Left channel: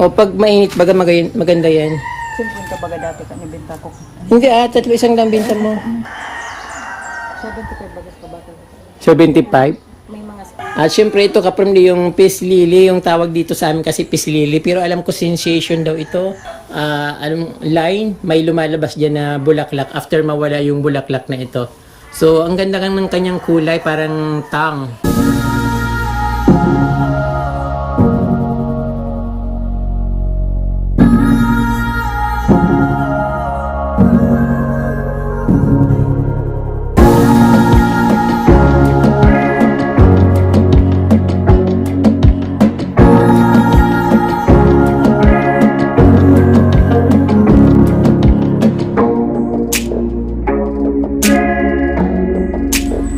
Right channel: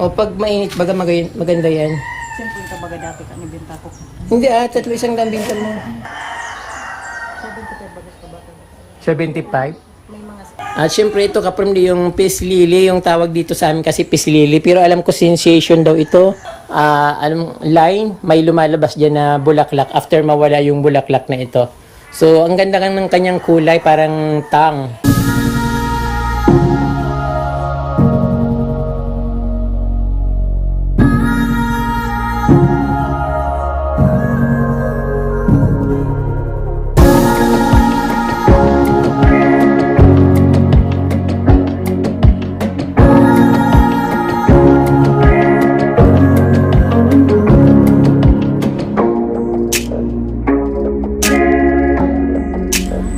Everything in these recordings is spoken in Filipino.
O pag mainit, baga maganda yan. Siyempre ka baga dati ka nabenta ko. Hindi 3 isang dang binta mo. 75 bagas ka bata. 75. May mga At syempre ito kaprimdi yung peace lily, yung tawag dito sa amin kasi peace lily. Pero alam ko sensation daw ito. Alam line, may lumalabas dyan na bulaklak after mawala yung bulaklak na ito. So ang ganda ng kanyang kulay, parang tang.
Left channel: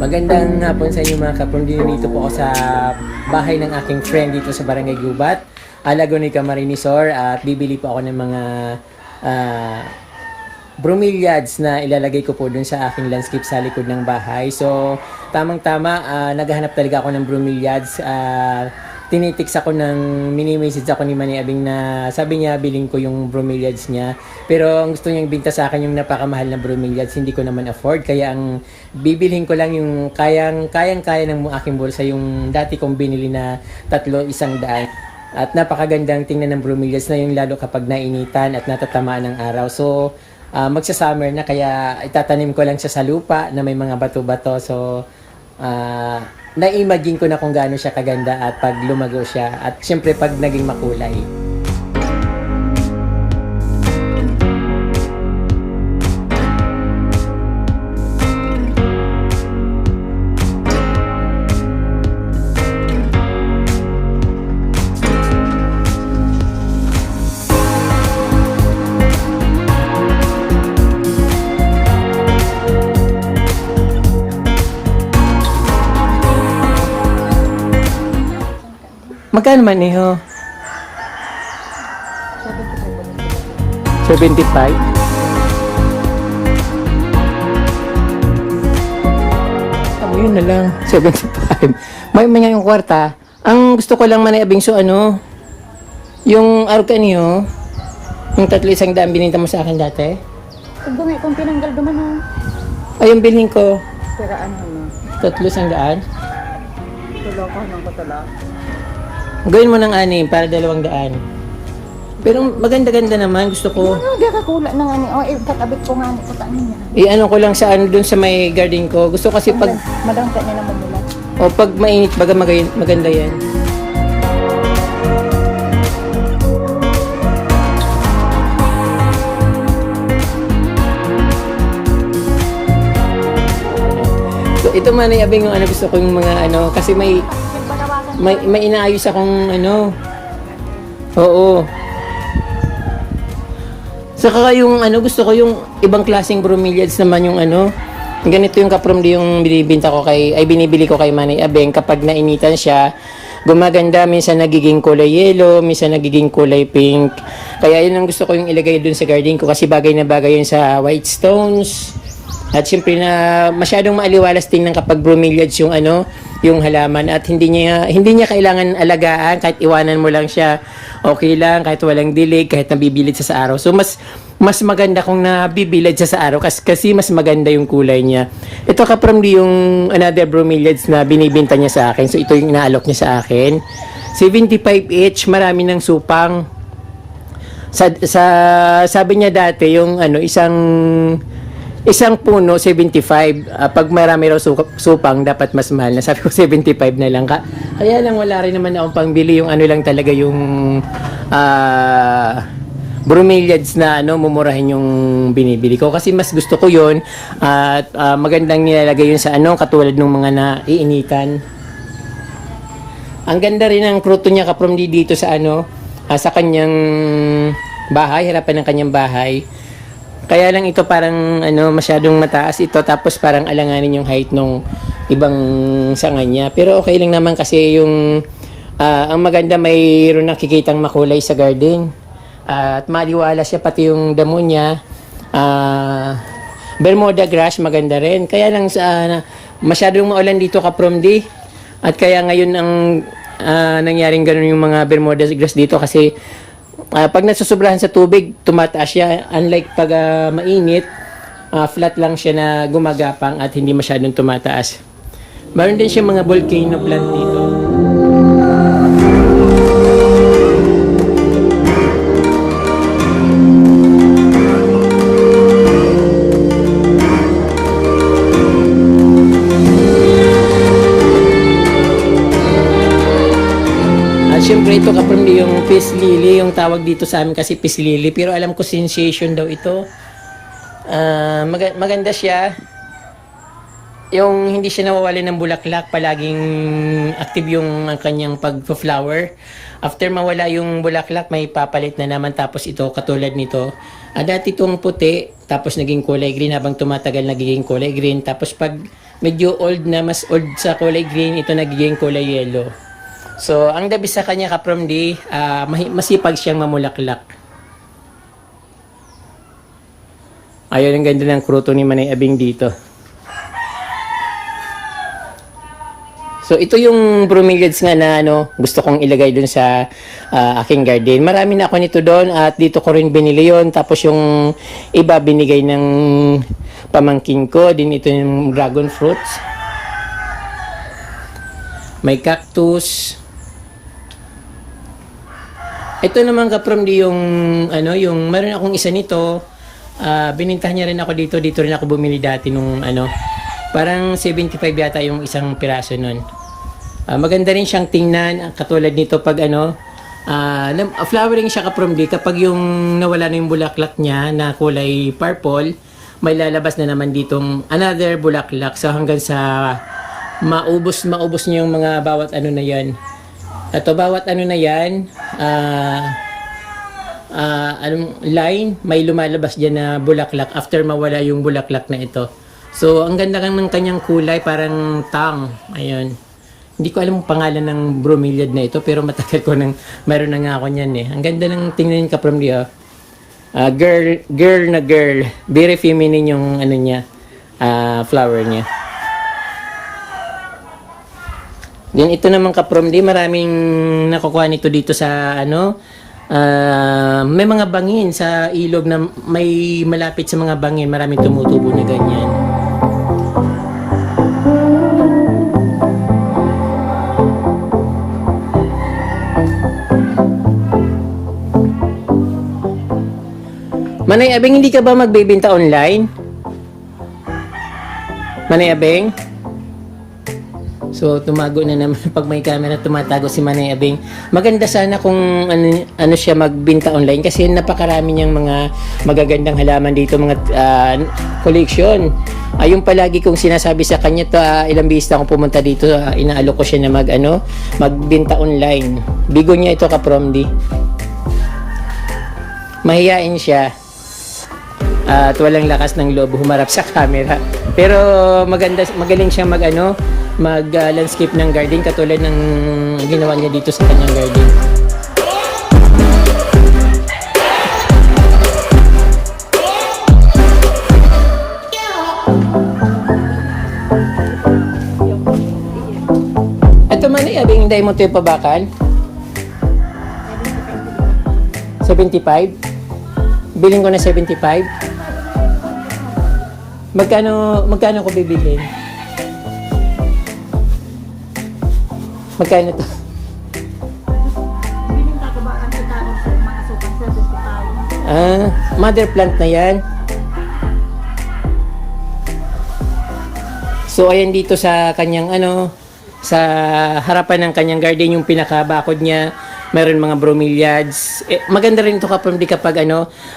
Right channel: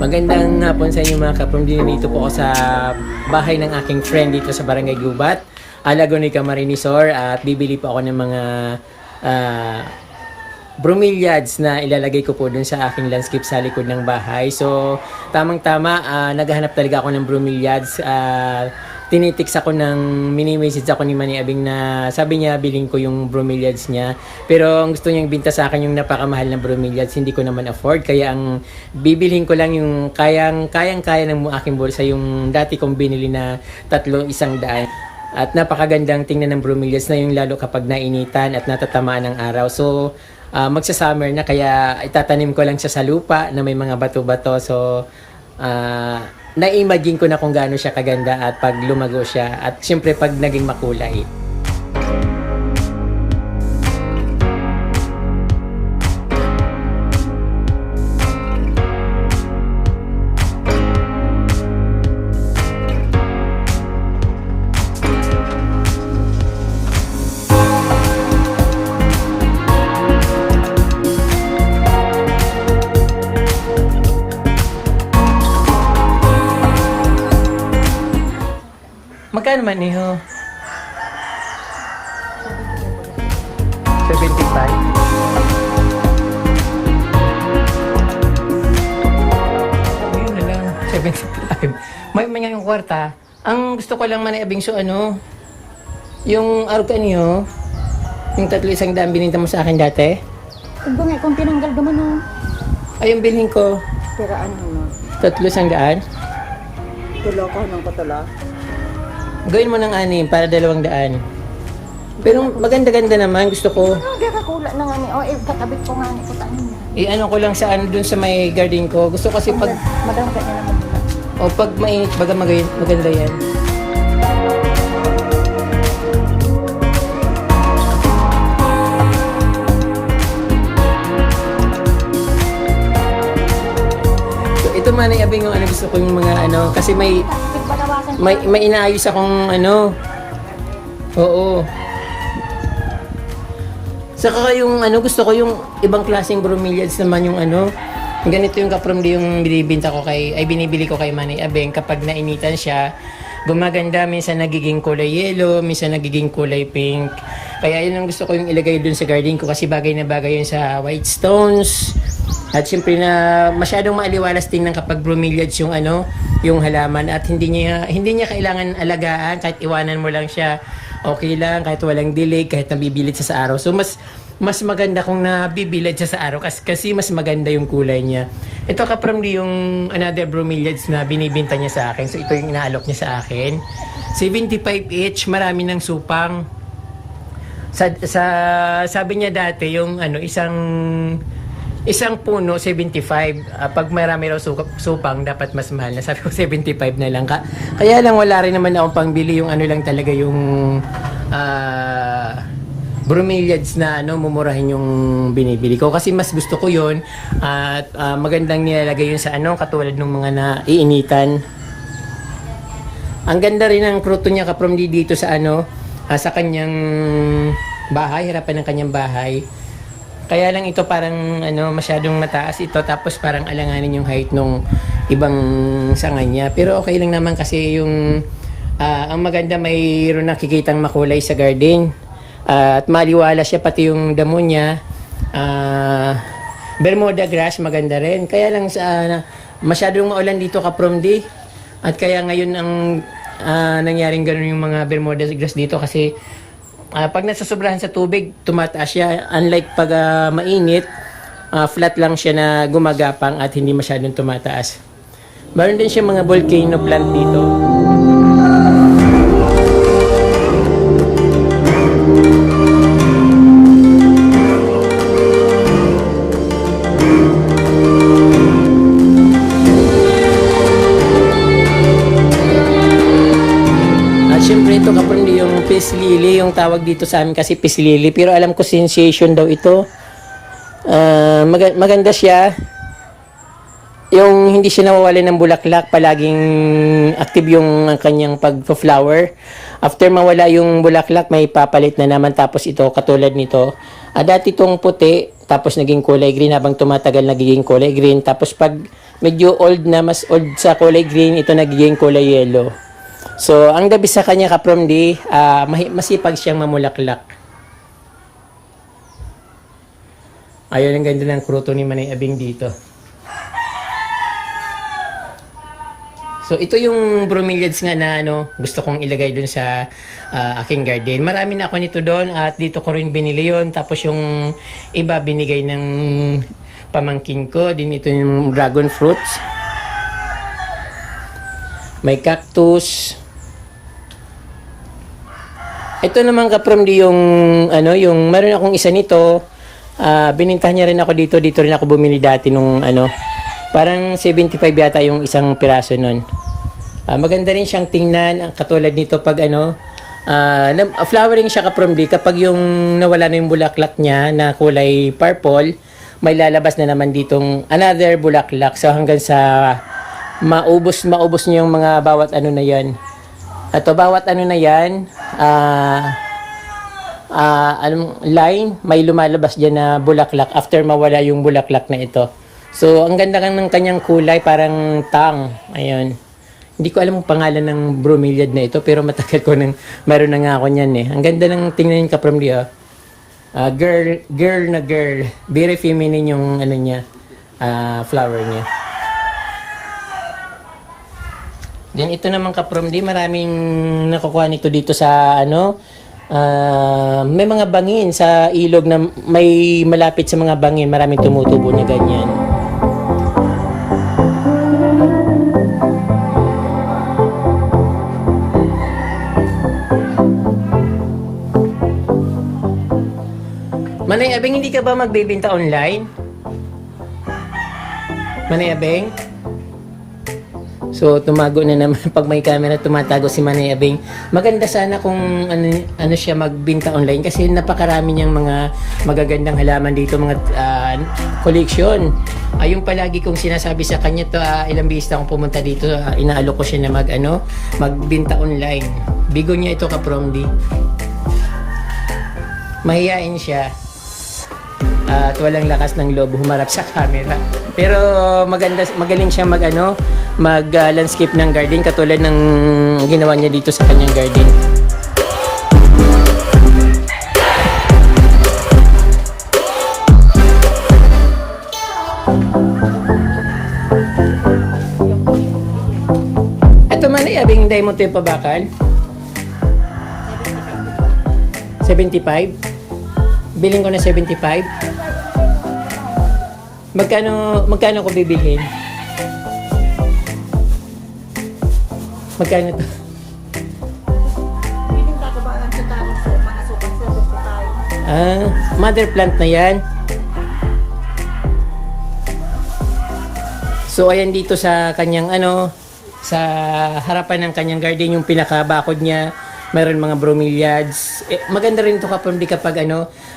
Magandang hapon sa inyo mga kaprom. Dito po ako sa bahay ng aking friend dito sa Barangay Gubat, Laguna, Marinisor, at bibili po ako ng mga bromeliads na ilalagay ko po dun sa aking landscape sa likod ng bahay. So tamang-tama, naghahanap talaga ako ng bromeliads. Tinitix ako ng mini-message ako ni Manny Abing na sabi niya biling ko yung bromeliads niya, pero ang gusto niyang binta sa akin yung napakamahal na bromeliads, hindi ko naman afford, kaya ang bibilhin ko lang yung kayang-kaya ng aking bulsa, yung dati kong binili na 100. At napakagandang tingnan ng bromeliads na yung lalo kapag nainitan at natatamaan ng araw. So magsa-summer na, kaya itatanim ko lang siya sa lupa na may mga bato-bato. So na-imagine ko na kung gaano siya kaganda at pag lumago siya, at syempre pag naging makulay. Magkano man niyo? 75? Tama yun na lang. 75. May mga yung kwarta. Ang gusto ko lang manayabing yung arog ka niyo, yung 100 bininta mo sa akin dati. kung tinanggal duman na. Ay, yung bilhin ko. Pero ano na? 300. Tulo ko ng patula. Gawin mo ng 6 para 200. Pero maganda-ganda naman, gusto ko. Hindi ka kula na nga ni. O, ipatabit ko nga ni sa taan niya. I-ano ko lang dun sa may garden ko. Gusto kasi pag, Madang ka niya naman nila. o pag mainit, baga maganda yan. So ito man ay abing yung gusto ko yung mga kasi may inaayos akong Oo. Saka yung gusto ko yung ibang klaseng bromeliads naman, yung ganito yung kaprom yung binibili ko kay Manay Abeng. Kapag nainitan siya, gumaganda, minsan nagiging kulay yellow, minsan nagiging kulay pink. Kaya yun ang gusto ko yung ilagay dun sa garden ko, kasi bagay na bagay yun sa white stones. At syempre na masyadong maaliwalas tingnan kapag bromeliads yung halaman, at hindi niya kailangan alagaan, kahit iwanan mo lang siya. Okay lang, kahit walang dilig, kahit nabibilid siya sa araw. So mas maganda kung nabibilad siya sa araw, kasi mas maganda yung kulay niya. Ito kaprom yung another bromeliads na binibenta niya sa akin. So ito yung inaalok niya sa akin. 75 each, marami ng supang. Sabi niya dati yung isang puno 75, pag marami raw supang dapat mas mahal na. Sabi ko 75 na lang. Kaya lang wala rin naman akong pangbili, yung lang talaga yung bromeliads na mumurahin yung binibili ko, kasi mas gusto ko yun, at magandang nilalagay yun sa katulad ng mga naiinitan. Ang ganda rin ng pruto niya kaprom dito sa sa kanyang bahay, harapan ng kanyang bahay. Kaya lang ito parang masyadong mataas ito, tapos parang alanganin yung height nung ibang sanga niya. Pero okay lang naman, kasi yung ang maganda, mayroon nakikitang makulay sa garden. At maliwala siya, pati yung damo niya. Bermuda grass, maganda rin. Kaya lang masyadong maulan dito kaprom di. At kaya ngayon ang nangyaring ganun yung mga Bermuda grass dito kasi pag nasusobrahan sa tubig, tumataas siya. Unlike pag mainit, flat lang siya na gumagapang at hindi masyadong tumataas. Meron din siya mga volcano plant dito. At syempre ito kapamilya yung peace lily, yung tawag dito sa amin kasi peace lily. Pero alam ko sensation daw ito. Maganda siya. Yung hindi siya nawawala ng bulaklak, palaging active yung kanyang pag-flower. After mawala yung bulaklak, may papalit na naman. Tapos ito, katulad nito. Dati itong puti, tapos naging kulay green. Habang tumatagal, nagiging kulay green. Tapos pag medyo old na, mas old sa kulay green, ito nagiging kulay yellow. So, ang gabi sa kanya kapromdi, masipag siyang mamulaklak. Ayun, ang ganda ng kruto ni Manay Abing dito. So, ito yung bromeliads nga na gusto kong ilagay dun sa aking garden. Marami na ako nito doon at dito ko rin binili yun. Tapos yung iba binigay ng pamangkin ko. Din ito yung dragon fruits. May cactus. Ito naman kapromdi yung yung meron akong isa nito. Binintahan niya rin ako dito rin ako bumili dati nung parang 75 yata yung isang piraso nun. Maganda rin siyang tingnan, katulad nito pag flowering siya kapromdi kapag yung nawala na yung bulaklak niya na kulay purple, may lalabas na naman ditong another bulaklak. So hanggang sa maubos niya yung mga bawat na yan. Ito, bawat na yan, line, may lumalabas dyan na bulaklak after mawala yung bulaklak na ito. So, ang ganda ng kanyang kulay, parang tang. Ayun. Hindi ko alam ang pangalan ng bromeliad na ito, pero matagal ko meron na nga ako niyan eh. Ang ganda ng tingnan ka from the girl na girl. Very feminine yung niya, flower niya. Yan, ito naman kapromdi, maraming nakukuha nito dito sa may mga bangin sa ilog na may malapit sa mga bangin, maraming tumutubo na ganyan. Manay Abeng, hindi ka ba magbebenta online? Manay Abeng? So, tumago na naman pag may camera, tumatago si Manay Abing. Maganda sana kung ano siya magbinta online kasi napakarami niyang mga magagandang halaman dito, mga collection. Yung palagi kong sinasabi sa kanya to, ilang beses na akong pumunta dito, inaalok ko siya na magbinta online. Bigo niya ito kapromdi. Mahiyain siya. At walang lakas ng loob humarap sa camera. Pero magaling siyang mag-landscape ng garden katulad ng ginawa niya dito sa kanyang garden. Ito man ay abing hindi mo ito yung pabakal. 75? Biling ko na 75. Magkano ko bibilhin? Magkano to? Biling ka ba ang tatawag sa mga 75? Mother plant na yan. So ayan dito sa kanyang sa harapan ng kanyang garden, yung pinakabakod niya, mayroon mga bromeliads. Maganda rin ito kapag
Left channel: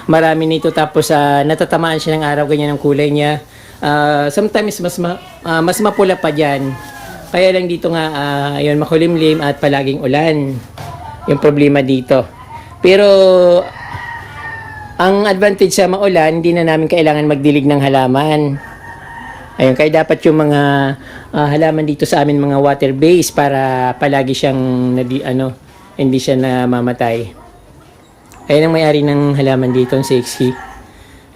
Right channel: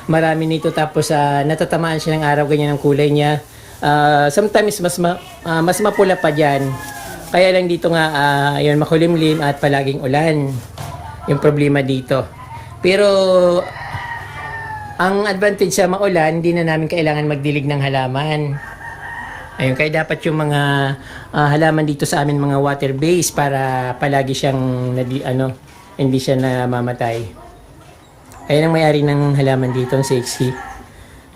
marami nito tapos natatamaan siya ng araw, ganyan ang kulay niya. Sometimes mas mapula pa dyan. Kaya lang dito nga yun, makulimlim at palaging ulan yung problema dito. Pero ang advantage sa maulan, hindi na namin kailangan magdilig ng halaman. Ayun, kaya dapat yung mga halaman dito sa amin mga water base para palagi siyang hindi siya namamatay. Ayun ang may-ari ng halaman dito, ang sexy.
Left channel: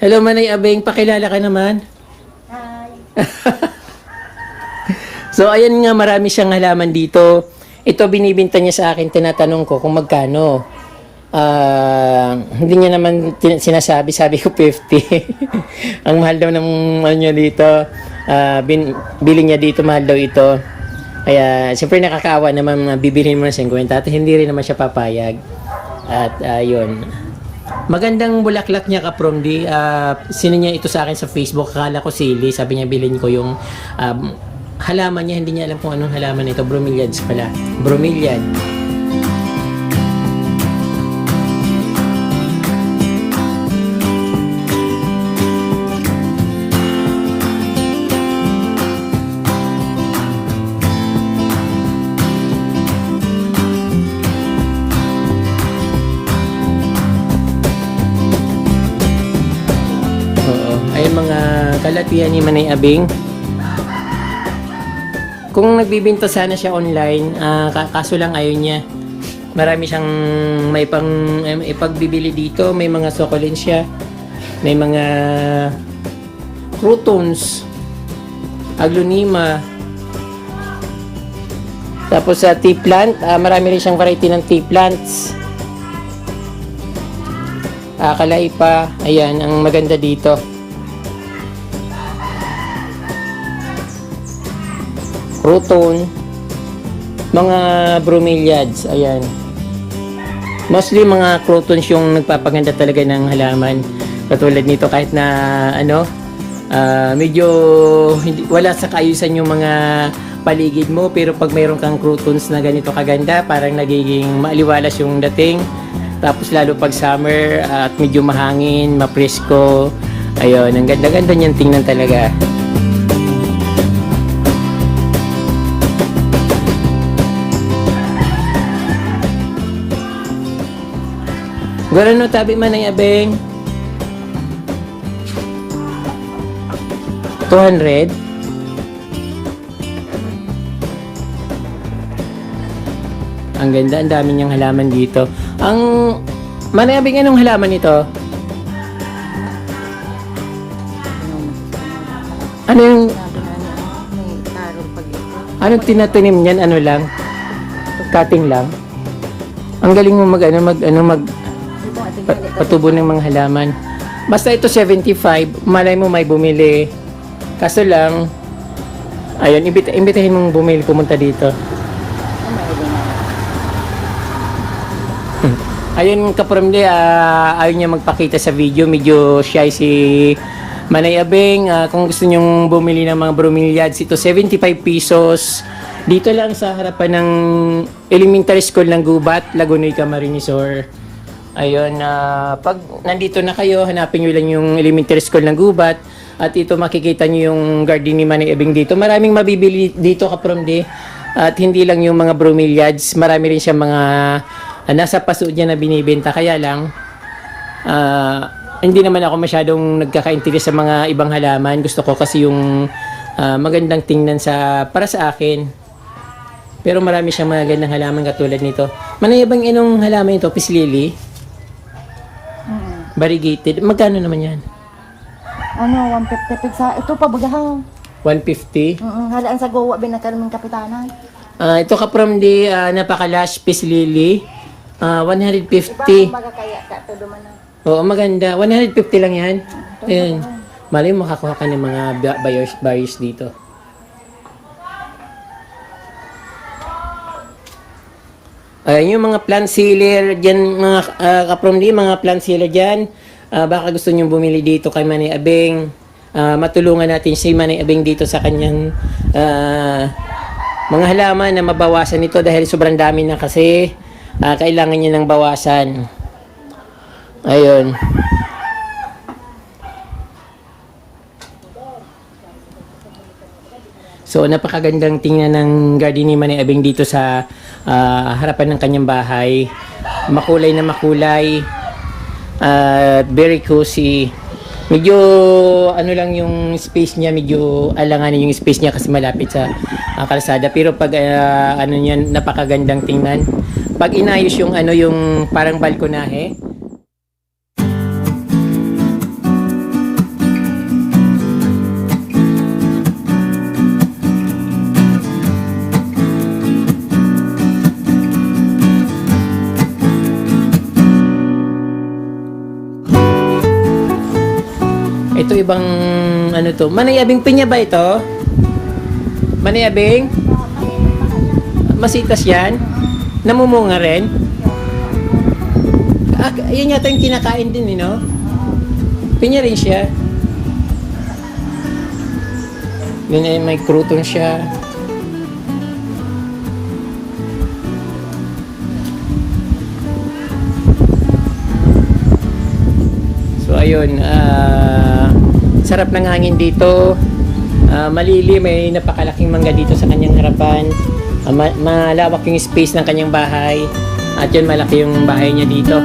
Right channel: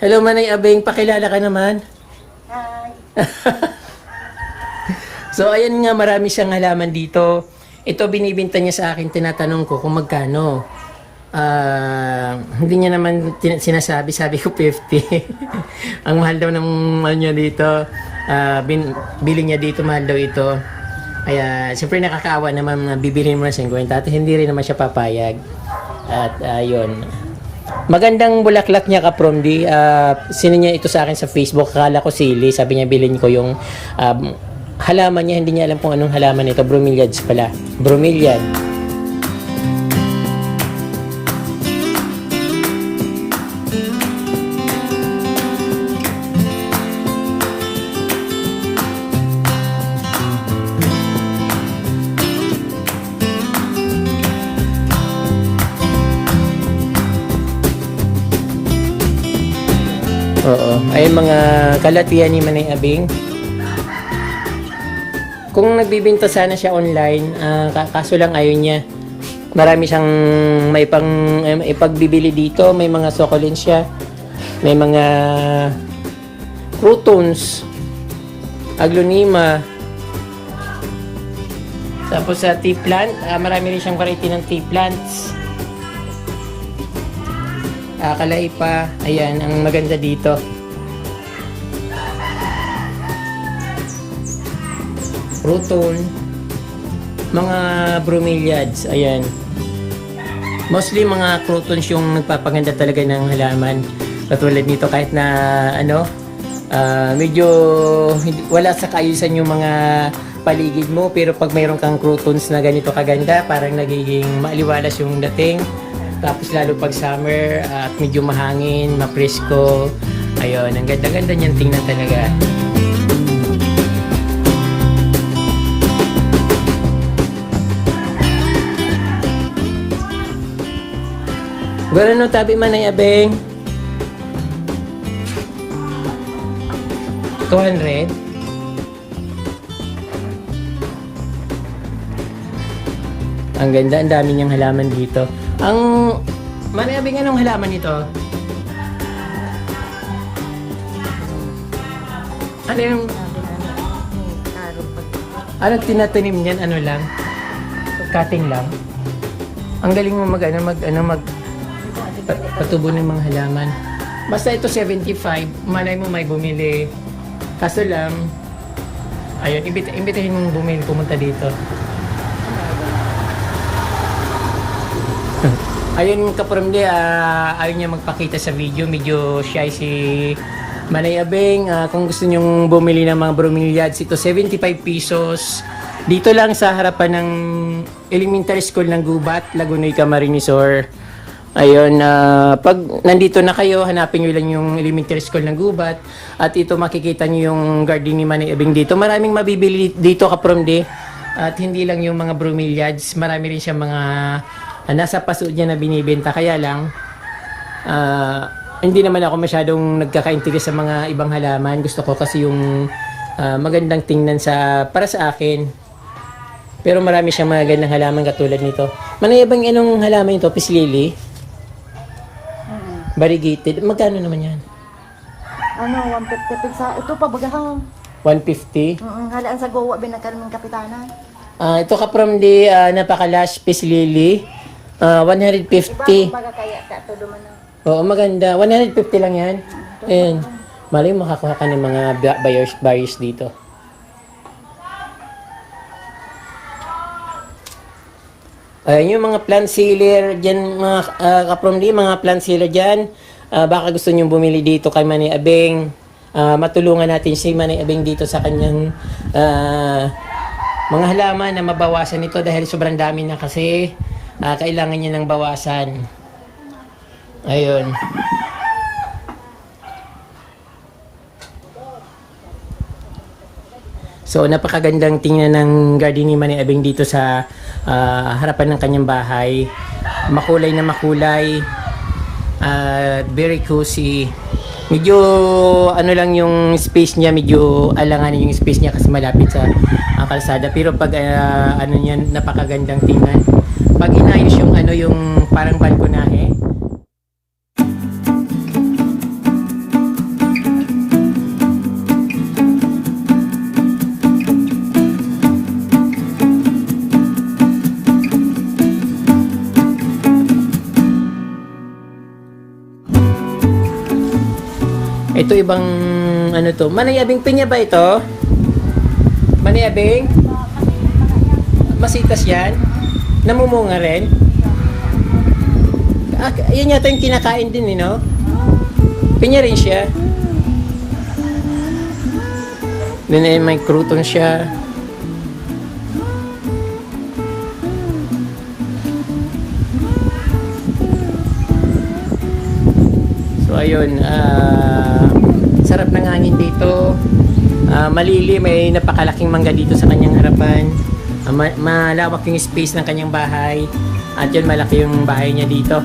Hello Manay Abeng, pakilala ka naman. Hi. So ayan nga, marami siyang halaman dito. ito binibinta niya sa akin, tinatanong ko kung magkano. Hindi niya naman sinasabi, sabi ko 50. Ang mahal daw ng ano niya dito, bili niya dito, mahal daw ito. Kaya siyempre nakakaawa naman, bibilhin mo na 50 at hindi rin naman siya papayag. At yun. Magandang bulaklak niya ka-from D. Sino niya ito sa akin sa Facebook, akala ko sili, sabi niya bilhin ko yung halaman niya, hindi niya alam kung anong halaman ito, bromeliads pala. Bromeliad. Oo. Ay mga kalatian ni Manay Abing. Kung nagbibinta sana siya online, kaso lang ayaw niya. Marami siyang may ipagbibili dito, may mga succulents, may mga croutons, aglonema. Tapos sa tea plant, marami rin siyang variety ng tea plants. Kalaypa, ayan, ang maganda dito. Crouton, mga bromeliads, ayan. Mostly mga croutons yung nagpapaganda talaga ng halaman. Katulad nito, kahit na medyo wala sa kaayusan yung mga paligid mo, pero pag mayroon kang croutons na ganito kaganda, parang nagiging maaliwalas yung dating. Tapos lalo pag summer at medyo mahangin, mapresko. Ayun, ang ganda-ganda niyang tingnan talaga. Gano'n tabi man ay Abeng? 200? Ang ganda, ang dami niyang halaman dito. Ang Manay Abing, anong halaman ito? Anong tinatanim niyan? Ano lang? Cutting lang? Ang galing mo patubo ng mga halaman. Basta ito 75, malay mo may bumili. Kaso lang, ayun, imbitahin mong bumili, pumunta dito. Ayun ka-from ayaw niya magpakita sa video, medyo shy si Manay Abeng. Kung gusto nyong bumili ng mga bromeliads, ito 75 pesos. Dito lang sa harapan ng elementary school ng Gubat, Lagunoy, Camarinesor. Ayun, pag nandito na kayo, hanapin nyo lang yung elementary school ng Gubat. At ito makikita nyo yung garden ni Manay Abeng dito. Maraming mabibili dito ka-from At hindi lang yung mga bromeliads, marami rin siya mga nasa paso dyan na binibenta. Kaya lang, hindi naman ako masyadong nagkaka-interest sa mga ibang halaman. Gusto ko kasi yung magandang tingnan para sa akin. Pero marami siyang mga gandang halaman katulad nito. Manay Abeng, anong halaman ito? Peace lily? Variegated. Magkano naman yan? 150. Ito pa, budahan. 150? Halaan sa gowa, binataran ng kapitanan. Ito ka-from napaka-lush peace lily. 150. Oo, maganda. 150 lang yan. Ayan. Malay mo makakuha ka ng mga buyers dito. Ayan yung mga plant sealer dyan, mga ka-from mga plant sealer dyan. Baka gusto nyong bumili dito kay Manay Abeng. Matulungan natin si Manay Abeng dito sa kanyang mga halaman na mabawasan ito dahil sobrang dami na kasi. Kailangan niya ng bawasan. Ayun. So, napakagandang tingnan ng garden ni Manay Abeng dito sa harapan ng kanyang bahay. Makulay na makulay. Very cozy. Medyo lang yung space niya, medyo alanganin yung space niya kasi malapit sa kalsada. Pero pag niya, napakagandang tingnan. Pag inayos yung yung parang balkonahe, Ito ibang ano to. Manay Abing pinya ba ito? Manay Abing? Masitas yan? Namumunga rin? Yan yata yung kinakain din, no? Pinya rin siya. Then ay may crouton siya. So ayun, sarap ng hangin dito. Malili, may napakalaking mangga dito sa kanyang harapan. Malawak yung space ng kanyang bahay. At yun, malaki yung bahay niya dito.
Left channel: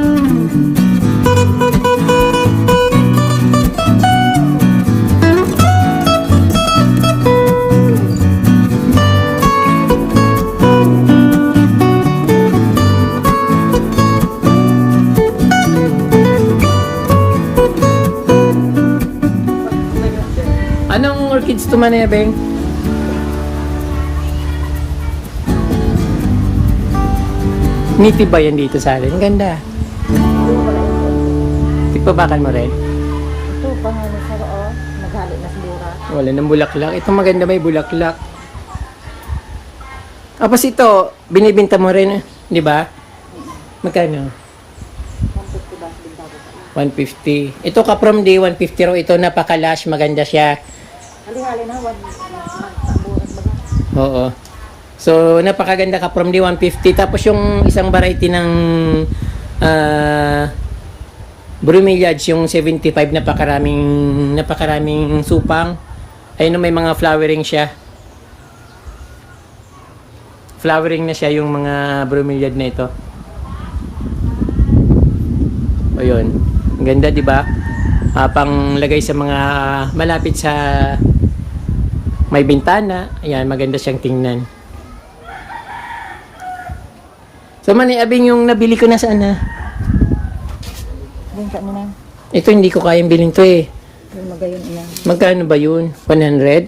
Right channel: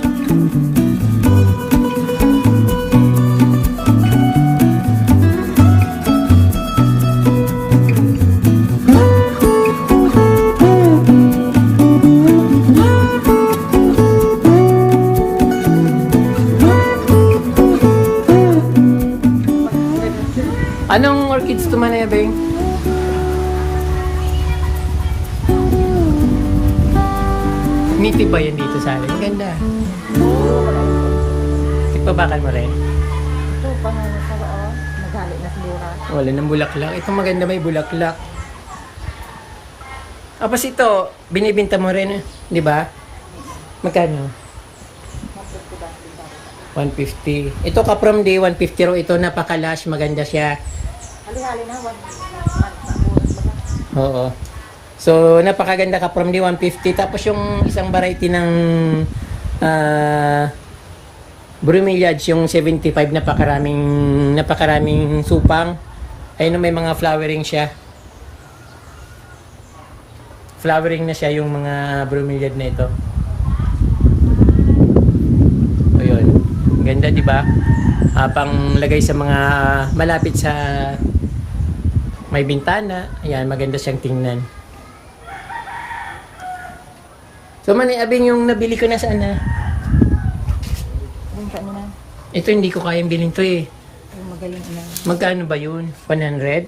Anong orchids to, Manay Abing? Ngiti ba yan dito sa akin? Ang ganda. Tigpabakan mo rin? Wala nang bulaklak. Ito maganda, may bulaklak. Tapos ito, binibinta mo rin, di ba? Magkano? 150. Ito ka from day 150 raw. Ito napaka-lush, maganda siya. Oo. So, napakaganda ka from day 150. Tapos yung isang variety ng bromeliads, yung 75, napakaraming supang. Ayun, may mga flowering siya. Flowering na siya yung mga bromeliad na ito. O yun. Ganda, di ba? Panglagay sa mga malapit sa may bintana. Ayan, maganda siyang tingnan. So, Manay Abing, yung nabili ko na sana. Ito, hindi ko kayang bilhin to eh. Magkano ba yun? 100? Kaya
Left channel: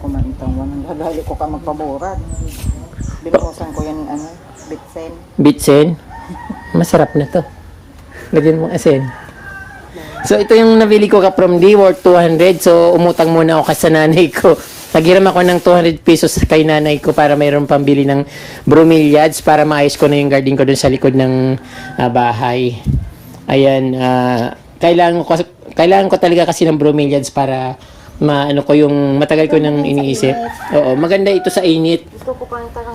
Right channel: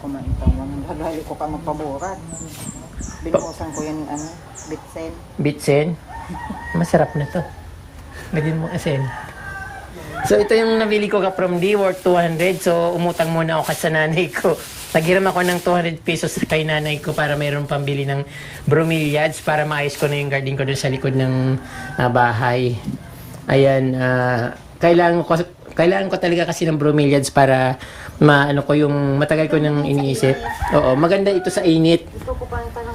kumaintang yan. Ang lalali ko ka magpamura. Binuhusan ko yan ng bitsen. Bitsen? Masarap na to. Lagyan mo asin. So, ito yung nabili ko ka from D worth 200. So, umutang muna ako sa nanay ko. Naghiram ako ng 200 pesos kay nanay ko para mayroon pambili ng bromeliads para maayos ko na yung garden ko dun sa likod ng bahay. Ayan, kailangan ko talaga kasi ng bromeliads para maano ko yung matagal ko nang iniisip. Oo, maganda ito sa init.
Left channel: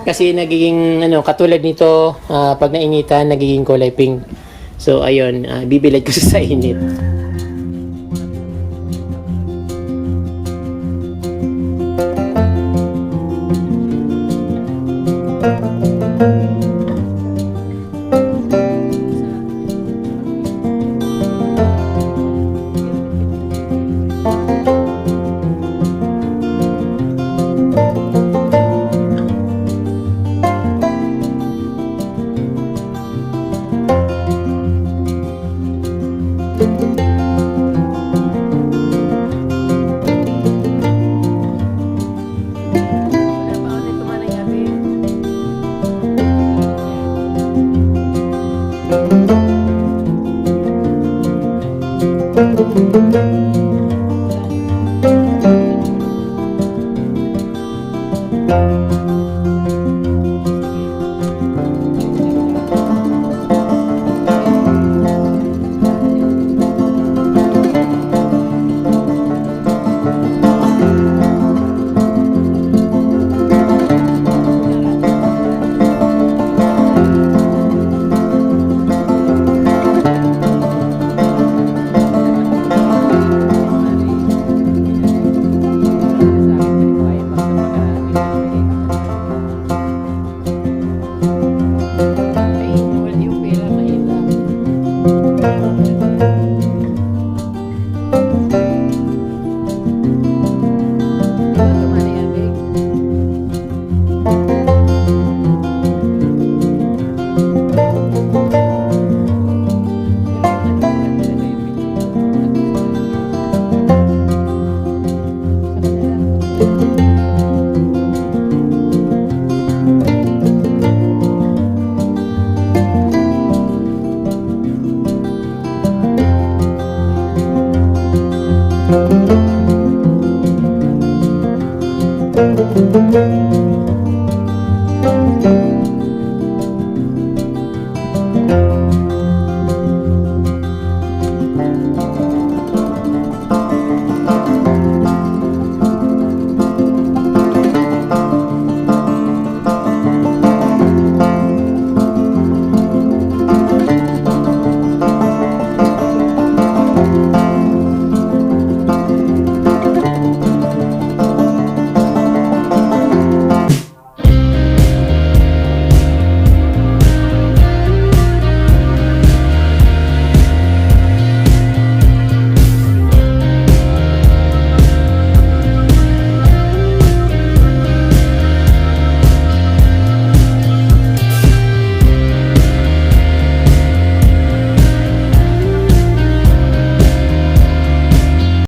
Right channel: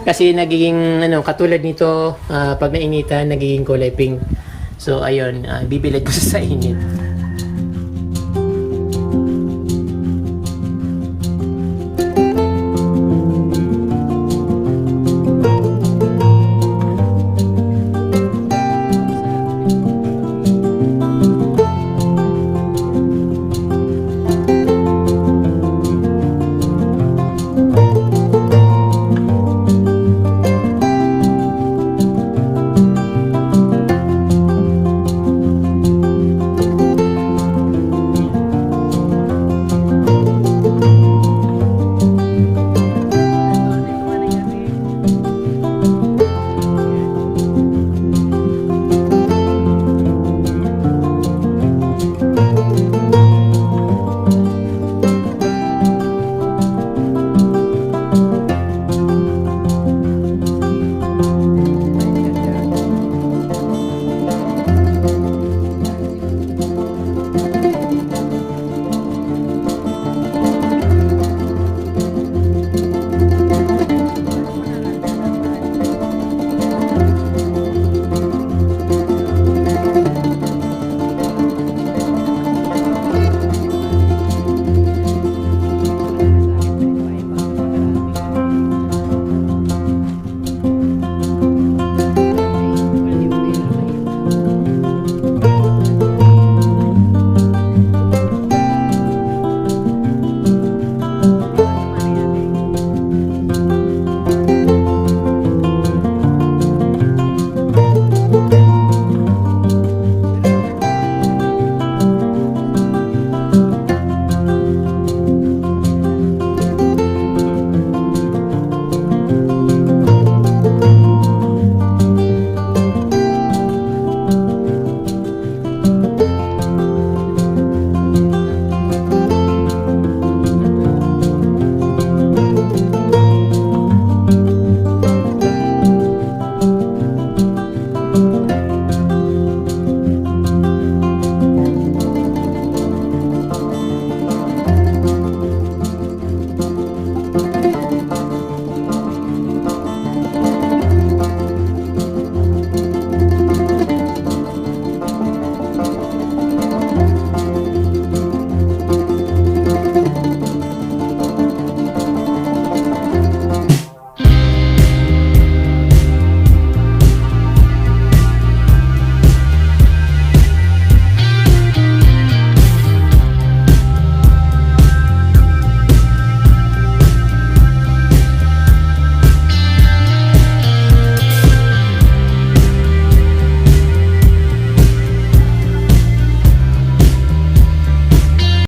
Kasi nagiging katulad nito pag nainitan nagiging kulay pink. So ayun, bibilad ko sa init.